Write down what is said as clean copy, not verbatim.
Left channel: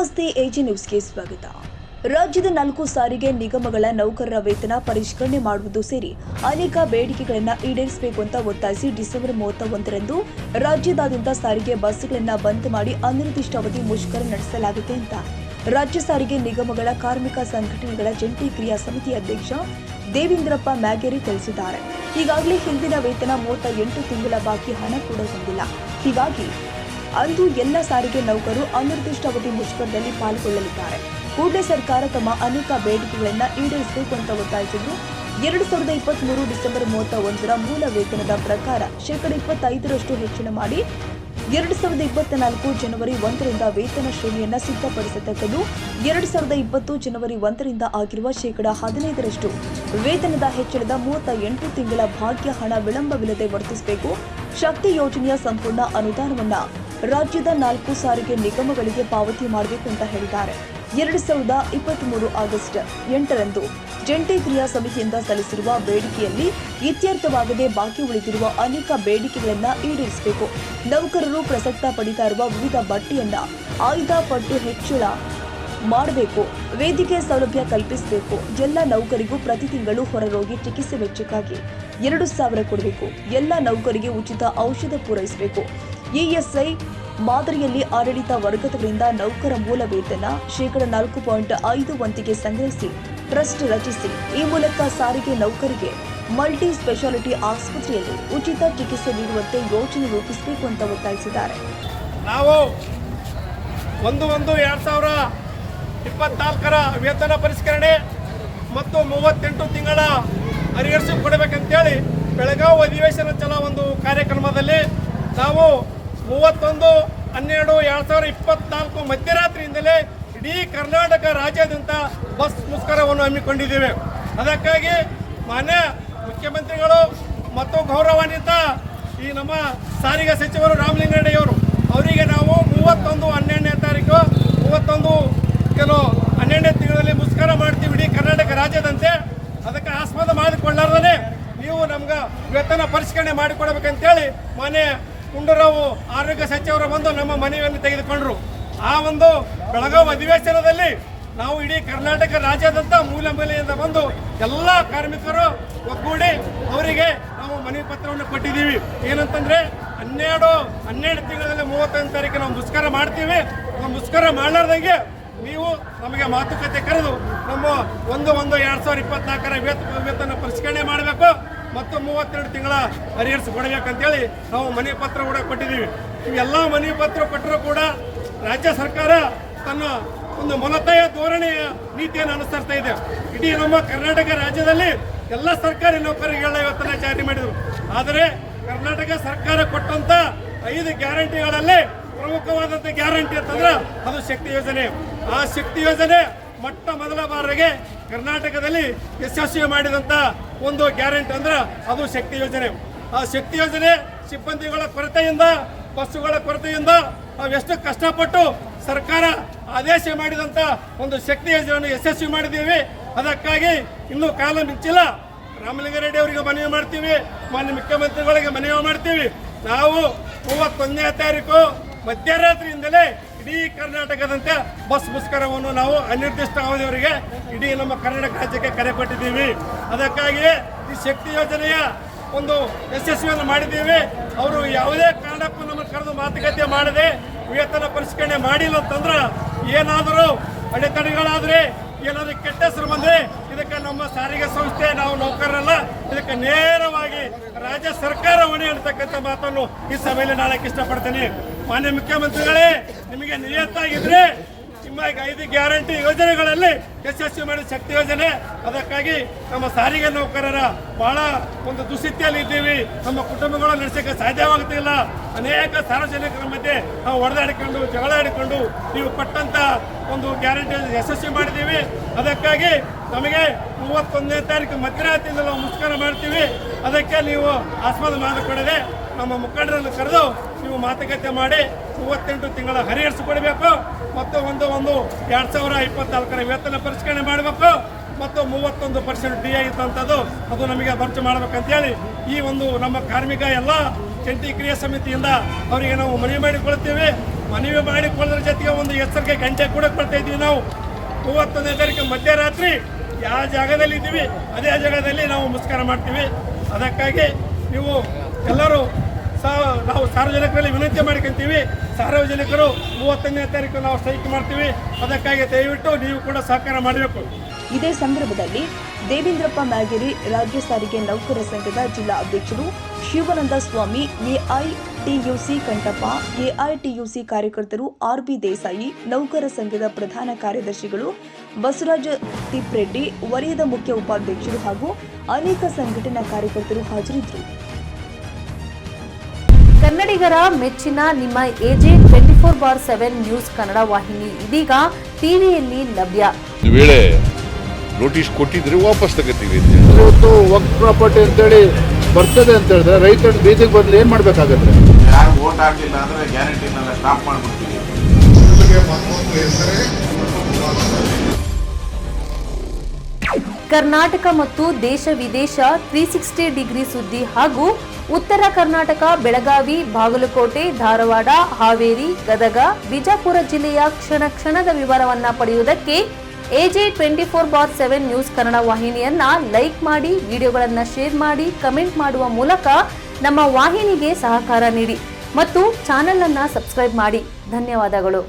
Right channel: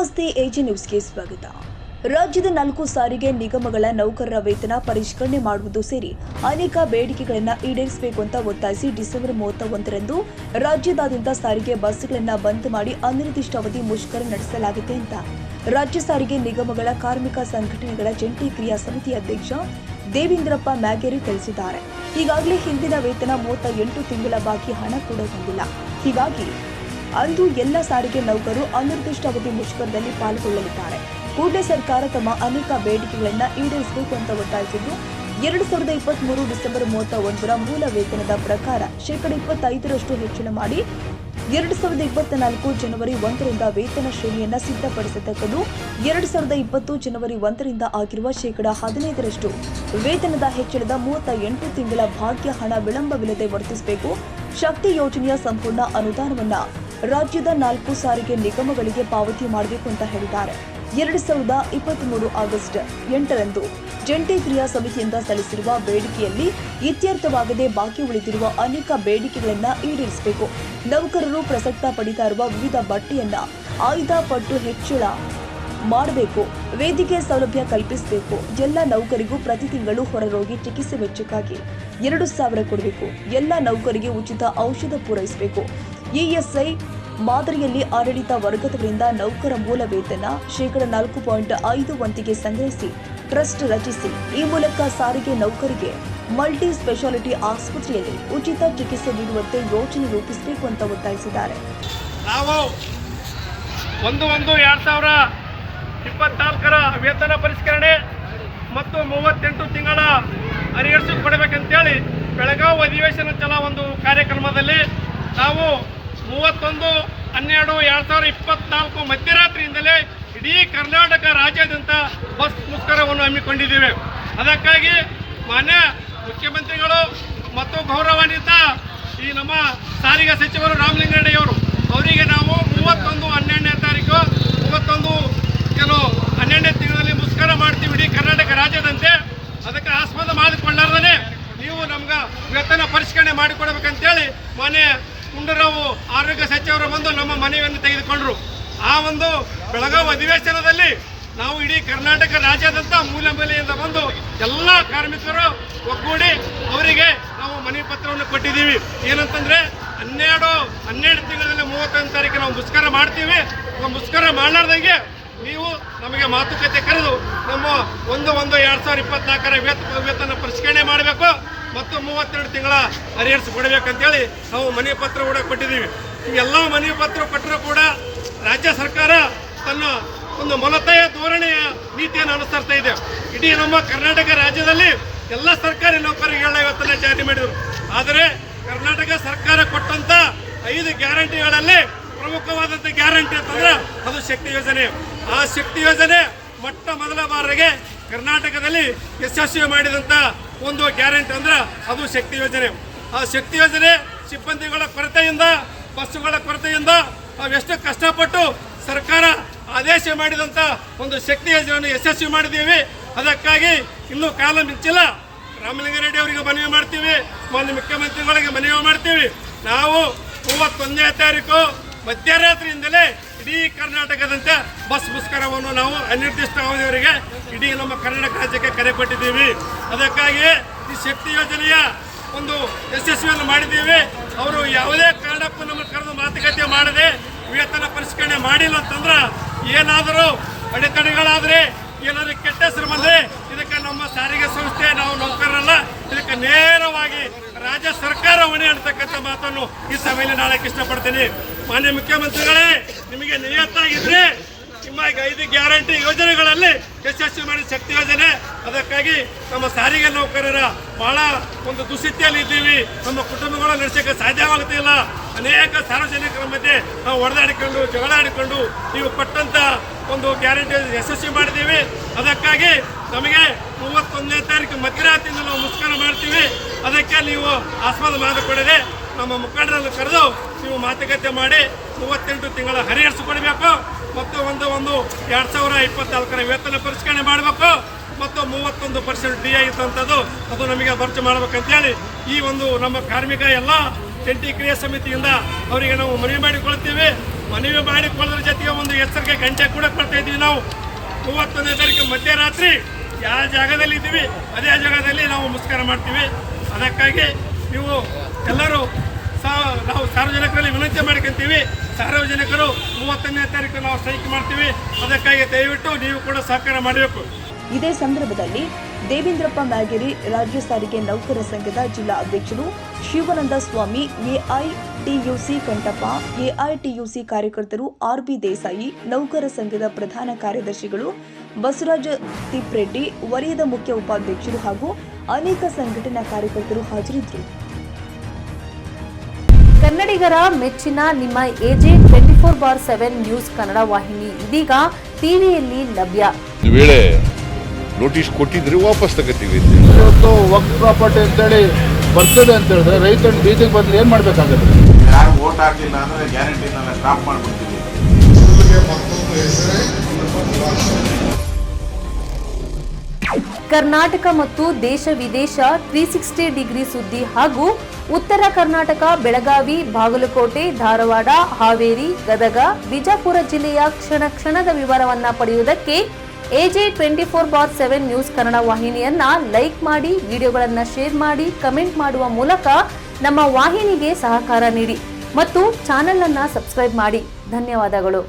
ನಮಸ್ತೆ ಎಜಿ ನ್ಯೂಸ್ಗೆ ಸ್ವಾಗತ. ರಾಜ್ಯದ 4 ಸಾರಿಗೆ ನಿಗಮಗಳ ನೌಕರರ ವೇತನ ಪರಿಷ್ಕರಣೆ ಮಾಡುವುದು ಸೇರಿ ಅನೇಕ ಬೇಡಿಕೆಗಳನ್ನು ಈಡೇರಿಸಬೇಕು ಅಂತ ಒತ್ತಾಯಿಸಿ ಡಿಸೆಂಬರ್ 31ರಂದು ರಾಜ್ಯದಾದ್ಯಂತ ಸಾರಿಗೆ ಬಸ್ಗಳನ್ನು ಬಂದ್ ಮಾಡಿ ಅನಿರ್ದಿಷ್ಟಾವಧಿ ಮುಷ್ಕರ ನಡೆಸಲಾಗಿದೆ ಅಂತ ರಾಜ್ಯ ಸಾರಿಗೆ ನಿಗಮಗಳ ಕಾರ್ಮಿಕ ಸಂಘಟನೆಗಳ ಜಂಟಿ ಕ್ರಿಯಾ ಸಮಿತಿ ಅಧ್ಯಕ್ಷ ದೇವೇಂದ್ರಪ್ಪ ಮ್ಯಾಗೇರಿ ತಿಳಿಸಿದ್ದಾರೆ. ಈಗಾಗಲೇ ಹಿಂದಿನ ವೇತನ 38 ತಿಂಗಳ ಬಾಕಿ ಹಣ ಕೂಡ ಬಂದಿಲ್ಲ. ಹೀಗಾಗಿ ಅಂದು ಎಲ್ಲ ಸಾರಿಗೆ ನೌಕರರು ಅನಿರ್ದಿಷ್ಟಾವಧಿ ಮುಷ್ಕರದಲ್ಲಿ ಪಾಲ್ಗೊಳ್ಳಲಿದ್ದಾರೆ. ಕೂಡಲೇ ಸರ್ಕಾರ ತಮ್ಮ ಅನೇಕ ಬೇಡಿಕೆಗಳನ್ನು ಈಡೇರಿಸಬೇಕು ಅಂತ ಒತ್ತಾಯಿಸಿದ್ರು. 2023 ಡಿಸೆಂಬರ್ 31ರ ಮೂಲ ವೇತನದ ಪ್ರಕಾರ ಶೇಕಡ 25% ಹೆಚ್ಚಳ ಮಾಡಿ 2024 ಜನವರಿ 1ರಿಂದ ವೇತನ ಶ್ರೇಣಿಯನ್ನು ಸಿದ್ಧಪಡಿಸತಕ್ಕದ್ದು. 2020 ಜನವರಿ 1ರಿಂದ ಆಗಿರುವ ಶೇಕಡ 15% ವೇತನದ ಹೆಚ್ಚಳದ 38 ತಿಂಗಳ ಭಾಗ್ಯ ಹಣ ವಿಳಂಬವಿಲ್ಲದೆ ವರ್ತಿಸಬೇಕು. ಶಕ್ತಿ ಯೋಜನೆಯ ಸಂಪೂರ್ಣ ಅನುದಾನವನ್ನು ರಾಜ್ಯದ 4 ಸಾರಿಗೆ ನಿಗಮಗಳಿಗೆ ಪಾವತಿ ಮಾಡಬೇಕು ಅಂತ ಹೇಳಿದ್ದಾರೆ. 2023 ಆಗಸ್ಟ್ 8ರಂದು ಜಂಟಿ ಕ್ರಿಯಾ ಸಮಿತಿಯಿಂದ ಸಲ್ಲಿಸಿರುವ ಬೇಡಿಕೆಯಲ್ಲಿ ಇತ್ಯರ್ಥವಾಗದೆ ಬಾಕಿ ಉಳಿದಿರುವ ಅನೇಕ ಬೇಡಿಕೆಗಳನ್ನು ಈಡೇರಿಸಬೇಕು. ನೌಕರರು ಪ್ರಸಕ್ತ ಪಡಿತಾ ಇರುವ ವಿವಿಧ ಬಡ್ಡಿಯನ್ನ 5 ಪಟ್ಟು ಹೆಚ್ಚಳ ಮಾಡಬೇಕು. ವೇದಿಕೆ ಸೌಲಭ್ಯ ಕಲ್ಪಿಸಬೇಕು. ಎಲ್ಲ ನೌಕರಿಗೂ ಪ್ರತಿ ತಿಂಗಳು ಹೊರರೋಗಿ ಚಿಕಿತ್ಸೆ ವೆಚ್ಚಕ್ಕಾಗಿ 2,000 ಕೊಡಬೇಕು. ಎಲ್ಲ ನೌಕರಿಗೆ ಉಚಿತ ಔಷಧ ಪೂರೈಸಬೇಕು. ಇಎಸ್ಐ ಮಾದರಿಯಲ್ಲಿ ಆಡಳಿತ ವರ್ಗದವರಿಂದ ನೌಕರ ಮೂಲ ವೇತನ ಶೇಕಡ 4.5 ಸಂಗ್ರಹಿಸಿ ಟ್ರಸ್ಟ್ ರಚಿಸಿ ಈ ಮೂಲಕ ಸಾರಿಗೆ ನೌಕರಿಗೆ ಮಲ್ಟಿ ಸ್ಪೆಷಾಲಿಟಿ ಆಸ್ಪತ್ರೆಯಲ್ಲಿ ಉಚಿತ ಚಿಕಿತ್ಸೆ ನೀಡುವಂತೆ ಯೋಜನೆ ರೂಪಿಸಬೇಕು ಅಂತ ಒತ್ತಾಯಿಸಿದ್ದಾರೆ. ನಾವು 1/1/2024ರ ವೇತನ ಪರಿಷ್ಕರಣೆ ಮತ್ತು 38 ತಿಂಗಳ ಅರಿಯರ್ಸು ಕೊಡಬೇಕಂತೇಳಿ ಬೆಳಗಾವಿ ಅಧಿವೇಶನ ಚಲ ಒಂದು ಕಾರ್ಯಕ್ರಮದಲ್ಲಿ ನಾವು 31/12/2024 ಮಧ್ಯರಾತ್ರಿಯಿಂದಲೇ ಇಡೀ ಕರ್ನಾಟಕ ರಾಜ್ಯಾದ್ಯಂತ ಬಸ್ ಮುಷ್ಕರವನ್ನು ಹಮ್ಮಿಕೊಂಡಿದ್ದೇವೆ. ಅದಕ್ಕಾಗಿ ಮಾನ್ಯ ಮುಖ್ಯಮಂತ್ರಿಗಳು ಮತ್ತು ಗೌರವಾನ್ವಿತ ಈ ನಮ್ಮ ಸಾರಿಗೆ ಸಚಿವರು ರಾಮಲಿಂಗಾರೆಡ್ಡಿಯವರು ಅವರಿಗೆ ನಾವು 31/12ನೇ ತಾರೀಕು 12ನೇ ತಿಂಗಳಲ್ಲಿ ಮುಷ್ಕರ ಮಾಡ್ತೀವಿ ಇಡೀ ಕರ್ನಾಟಕ ರಾಜ್ಯದಂತೆ. ಅದಕ್ಕೆ ಆಸ್ಪದ ಮಾಡಿಕೊಳ್ಳಾರ್ದೇ ನೀವು ನಮ್ಗೆ ವೇತನ ಪರಿಷ್ಕರಣೆ ಮಾಡಿಕೊಡ್ಬೇಕಂತೇಳಿ ಮಾನ್ಯ ಗುಂಡೂರಾವ್ ಆರೋಗ್ಯ ಸಚಿವರು ಬಂದು ನಮ್ಮ ಮನವಿಯನ್ನು ತೆಗೆದುಕೊಂಡರು. ಆ ಒಂದು ಬೆಳಗಾವಿ ಅಧಿವೇಶನದಲ್ಲಿ ನಾವು ಇಡೀ ಕರ್ನಾಟಕ ರಾಜ್ಯದಂತ ಮೂಲೆ ಮೂಲೆಯಿಂದ ಬಂದು ಎಲ್ಲ ಕಾರ್ಮಿಕರು ಒಗ್ಗೂಡಿ ಅವರಿಗೆ ನಾವು ಮನವಿ ಪತ್ರವನ್ನು ಕೊಟ್ಟಿದ್ದೀವಿ. ಏನಂತಂದ್ರೆ 12 ತಿಂಗಳಲ್ಲಿ 31 ತಾರೀಕು ನಾವು ಮುಷ್ಕರ ಮಾಡ್ತೀವಿ. ಮುಷ್ಕರ ಮಾಡಲಾರ್ದಂಗೆ ನೀವು ನಮಗೆ ಮಾತುಕತೆ ಕರೆದು ನಮ್ಮ 1/1/2024ರ ವೇತನ ಪರಿಷ್ಕರಣೆ ಮಾಡಬೇಕು ಮತ್ತು 32 ತಿಂಗಳ ಅರಿಯರ್ಸ್ ಕೊಡಬೇಕಂತೇಳಿ ನಾವು ಮನವಿ ಪತ್ರ ಕೂಡ ಕೊಟ್ಟಿದ್ದೀವಿ. ಇವೆಲ್ಲ ಮನವಿ ಪತ್ರ ಕೊಟ್ಟರೂ ಕೂಡ ರಾಜ್ಯ ಸರ್ಕಾರ ತನ್ನ ಒಂದು ಮೊಲತೆಯ ಧೋರಣೆಯ ನೀತಿಯನ್ನು ಅನುಸರಿಸ್ತಾ ಇದೆ. ಇಡೀ ನಮ್ಮ ಕರ್ನಾಟಕ ರಾಜ್ಯದಲ್ಲಿ ಎಲ್ಲ ಸರ್ಕಾರಿ ನೌಕರರಿಗೆಲ್ಲ ವೇತನ ಜಾರಿ ಮಾಡಿದರು. ಆದರೆ ಕರ್ನಾಟಕ ಸರ್ಕಾರ ಕೊಟ್ಟಂತ 5 ಗ್ಯಾರಂಟಿಗಳಲ್ಲಿ ಪ್ರಮುಖವಾದಂಥ ಗ್ಯಾರಂಟಿ ಅಂತಂದ್ರೆ ಅದು ಶಕ್ತಿ ಯೋಜನೆ. ಆ ಶಕ್ತಿ ಯೋಜನೆ ಮೊಟ್ಟ ಮೊದಲ ಬಾರಿಗೆ ಕರ್ನಾಟಕದಲ್ಲಿ ಯಶಸ್ವಿ ಮಾಡಿದಂಥ ಒಂದು ಗ್ಯಾರಂಟಿ ಅಂದ್ರೆ ಅದು ಶಕ್ತಿ ಯೋಜನೆ. ಆ ಶಕ್ತಿ ಯೋಜನೆ ಸಿಬ್ಬಂದಿಗಳ ಕೊರತೆಯಿಂದ ಬಸ್ಸುಗಳ ಕೊರತೆಯಿಂದ ನಾವೆಷ್ಟು ಕಷ್ಟಪಟ್ಟು ಸರ್ಕಾರ ಆದೇಶ ಮಾಡಿದಂಥ ಒಂದು ಶಕ್ತಿ ಯೋಜನೆಯನ್ನು ಯಶಸ್ವಿ ಮಾಡಿದ್ದೀವಿ. ಅದಕ್ಕಾಗಿ ಇನ್ನೂ ಕಾಲ ಮಿಂಚಿಲ್ಲ. ರಾಮಲಿಂಗಾರೆಡ್ಡಿ ಅವರಿಗೆ ಮನವಿ ಮಾಡ್ತೀವಿ, ಮಾನ್ಯ ಮುಖ್ಯಮಂತ್ರಿಗಳಿಗೆ ಮನವಿ ಮಾಡ್ತೀವಿ. ನಾವು 31ನೇ ತಾರೀಕು ಮಧ್ಯರಾತ್ರಿಯಿಂದಲೇ ಇಡೀ ಕರ್ನಾಟಕದಂತೆ ಬಸ್ ಮುಷ್ಕರವನ್ನು ನಾವು ಅನಿರ್ದಿಷ್ಟ ಅವಧಿಯವರೆಗೆ ಇಡೀ ನಮ್ಮ ಕರ್ನಾಟಕ ರಾಜ್ಯಕ್ಕೆ ಕರೆ ಕೊಟ್ಟಿದ್ದೀವಿ. ಅದಕ್ಕಾಗಿ ಈ ಶಕ್ತಿ ಯೋಜನೆಯ ಒಂದು ಯಶಸ್ವಿಯನ್ನು ಮಾಡಿದ್ದೀವಿ. ಅವರು ಯಾವುದೇ ಕಾರಣಕ್ಕೂ ನಮ್ಮ ಕರೆದು ಮಾತುಕತೆ ಮಾಡದೆ ವೇತನ ಪರಿಷ್ಕರಣೆ ಮಾಡಿಲ್ಲ ಅಂತಂದ್ರೆ ಏನಾದರೂ ಅಡೆತಡೆಗಳಾದರೆ ಏನಾದರೂ ಕೆಟ್ಟ ಹೆಸರು ಬಂದರೆ ಇದಕ್ಕೆ ನಮ್ಮ ಸಾರಿಗೆ ಸಂಸ್ಥೆ ನಾವು ನೌಕರರಲ್ಲ, ಇದಕ್ಕೆ ನೇರವಾಗಿ ರಾಜ್ಯ ಸರ್ಕಾರ ಹೊಣೆ ಅಂತಕ್ಕಂಥ ಮಾತನ್ನು ಈ ಸಭೆಯಲ್ಲಿ ನಾಳಕ್ಕೆ ಇಷ್ಟಪಡ್ತೀನಿ. ಮಾನ್ಯ ಮುಖ್ಯಮಂತ್ರಿಗಳೇ, ನಿಮಗೆ ನಿಯತ್ತಾಗಿದ್ರೆ ನಿಮ್ಮ 5 ಗ್ಯಾರಂಟಿ ಯೋಜನೆಗಳಲ್ಲಿ ಯಶಸ್ವಿ ಮಾಡಿದ ಶಕ್ತಿ ಯೋಜನೆ. ಅದಕ್ಕಾಗಿ ನಮ್ಮ ಸಾರಿಗೆ ನೌಕರರ ಬಹಳ ಒಂದು ದುಸ್ಥಿತಿಯಲ್ಲಿ ಇದ್ದೀವಿ. ನಮ್ಮ ಕುಟುಂಬಗಳು ನಡೆಸೋಕ್ಕೆ ಸಾಧ್ಯವಾಗುತ್ತಿಲ್ಲ. ಅನೇಕ ಸಾರ್ವಜನಿಕರ ಮಧ್ಯೆ ನಾವು ಹೊಡೆದಾಡಿಕೊಂಡು ಜಗಳ ಆಡಿಕೊಂಡು ನೀವು ಕೊಟ್ಟಂತ ಒಂದು ಗ್ಯಾರಂಟಿ ಯಶಸ್ವಿ ಮಾಡಿದ್ದೀವಿ. ಅದಕ್ಕಾಗಿ ನಮಗೆ 31ನೇ ತಾರೀಕು ಮಧ್ಯರಾತ್ರಿಯಿಂದ ನಾವು ಮುಷ್ಕರ ಮಾಡ್ತೀವಿ. ಅದಕ್ಕೆ ನೀವು ಆಸ್ಪದ ಮಾಡಿಕೊಡದೆ ನಮ್ಮ ಮುಖಂಡರನ್ನು ಕರೆದು ನೀವು ಮಾತುಕತೆ ಮಾಡಿ 38 ತಿಂಗಳ ಹರಿಯರ್ಸು ಕೊಡಬೇಕು ಮತ್ತು 1/1/2024ರ ವೇತನ ಪರಿಷ್ಕರಣೆ ಮಾಡಬೇಕು ಮತ್ತು 31% ಡಿ ಆಗಿತ್ತಂಥದ್ದು ಅದು ನಮಗೆ ಭರ್ತಿ ಮಾಡ್ಬೇಕಂತೇಳಿ ಈ ಒಂದು ನಮ್ಮ ಕಾರ್ಮಿಕ ಎಲ್ಲ ಜಂಟಿ ಕ್ರಿಯಾ ಸಮಿತಿಯಿಂದ ಅವರಿಗೆ ನಾವು ಮನವಿ ಮಾಡಿಕೊಳ್ತೀವಿ. ಮನವಿ ಮಾಡಿಕೊಳ್ಳೋದ್ರ ಜೊತೆಗೆ ಒಂದು ಎಚ್ಚರಿಕೆ ಗಂಟೆ ಕೂಡ ಕೊಡ್ತಾ ಇದ್ದೀವಿ. ನಾವು 31ನೇ ತಾರೀಕು ಮಧ್ಯರಾತ್ರಿ ಯಾವ ಜಾಗದಲ್ಲಿ ಇದ್ದೀವಿ ಅದೇ ಜಾಗದಲ್ಲಿ ನಾವು ಮುಸ್ಕರ ಮಾಡ್ತೀವಿ. ಅದಕ್ಕಾಗಿ ನೀವು ಎಲ್ಲರೂ ನಾವು ಸಾರ್ವಜನಿಕರಲ್ಲಿ ವಿನಂತಿ ಮಾಡ್ಕೊಂತೀವಿ. ಸಾರ್ವಜನಿಕರು 31ನೇ ತಾರೀಕು ನಾವು ಸ್ಟ್ರೈಕ್ ಮಾಡ್ತೀವಿ. ಅದಕ್ಕಾಗಿ ದಯವಿಟ್ಟು ನೀವು ಕೂಡ ಸಹಕಾರ ಮಾಡಬೇಕು. ಇದೇ ಸಂದರ್ಭದಲ್ಲಿ ದೇವೇಂದ್ರಪ್ಪ ಮ್ಯಾಗೇರಿ, ರಾಜ್ಯ ಸಾರಿಗೆ ನೌಕರ ಸಂಘದ ಜಿಲ್ಲಾ ಅಧ್ಯಕ್ಷರು ಶಿವಾನಂದ ಸ್ವಾಮಿ, ಎಐಟಿಯುಸಿ ಕಂಠಪ್ಪ, ಎಐಟಿಯುಸಿ ಕಾರ್ಯಕರ್ತರು ಆರ್ಬಿ ದೇಸಾಯಿ, ನೌಕರ ಸಂಘದ ಪ್ರಧಾನ ಕಾರ್ಯದರ್ಶಿಗಳು ಬಸವರಾಜ ತಿಪ್ರೆಡ್ಡಿ, ವಲಯದ ಮುಖ್ಯ ಉಪಾಧ್ಯಕ್ಷರು ಹಾಗೂ ಅನೇಕ ಸಂಘಟನಾ ಕಾರ್ಯಕರ್ತರು ಹಾಜರಿದ್ದರು. ಕನ್ನಡಿಗರ ಮೆಚ್ಚಿನ ನಿಮ್ಮ ಎಜೆ 24/7 ನ್ಯೂಸ್ ಕನ್ನಡ ವಾಹಿನಿ ಇದೀಗ ಟಿವಿಯಲ್ಲಿ ಲಭ್ಯ. ಒಂದು ವೇಳೆ ನೋಟಿಸ್ ಕೊಟ್ಟಿದ್ರೆ ವಾಪಸ್ ತಗೋತೀವಿ. ಇವತ್ತು ವಕ್ಫ್ ಪ್ರಾಪರ್ಟಿ ಅಂತೇಳಿ ಬರ್ತದೆ ಅಂತ ಹೇಳಿದ್ರೆ ರೈತರ ಬೀದಿಗೆ ಬಂದ್ರೆ ಏನ್ ಮಾಡ್ಬೇಕಾಗತ್ತೆ? ಯಾರು ವೋಟ್ ಹಾಕಲಿಲ್ಲ ಅಂದ್ರೆ ಗ್ಯಾರಂಟಿನೆಲ್ಲ ಸ್ಟಾಪ್ ಮಾಡ್ಬಿಡ್ತೀವಿ. ಕರ್ನಾಟಕ ಮತ್ತು ದೇಶ ವಿದೇಶ 360 ಡಿಗ್ರಿ ಸುದ್ದಿ ಹಾಗೂ ಉತ್ತರ ಕರ್ನಾಟಕ, ಬೆಳಗಾವಿ, ಬಾಗಲಕೋಟೆ, ಧಾರವಾಡ, ಹಾವೇರಿ, ಗದಗ, ಬಿಜಾಪುರ ಜಿಲ್ಲೆಯ ಕ್ಷಣ ಕ್ಷಣದ ವಿವರವನ್ನ ಪಡೆಯುವುದಕ್ಕೆ ಎಜೆ 24/7 ನ್ಯೂಸ್ ಕನ್ನಡ ವಾಹಿನಿಯನ್ನ ಲೈಕ್ ಮಾಡಿ, ವಿಡಿಯೋಗಳನ್ನ ಶೇರ್ ಮಾಡಿ, ಕಮೆಂಟ್ ಮಾಡುವ ಮೂಲಕ ನಮ್ಮ ವಾಹಿನಿಗೆ ಸಹಕಾರ ನೀಡಿ ಮತ್ತು ಚಾನೆಲ್ ಅನ್ನ ಸಬ್ಸ್ಕ್ರೈಬ್ ಮಾಡಿ. ಧನ್ಯವಾದಗಳು.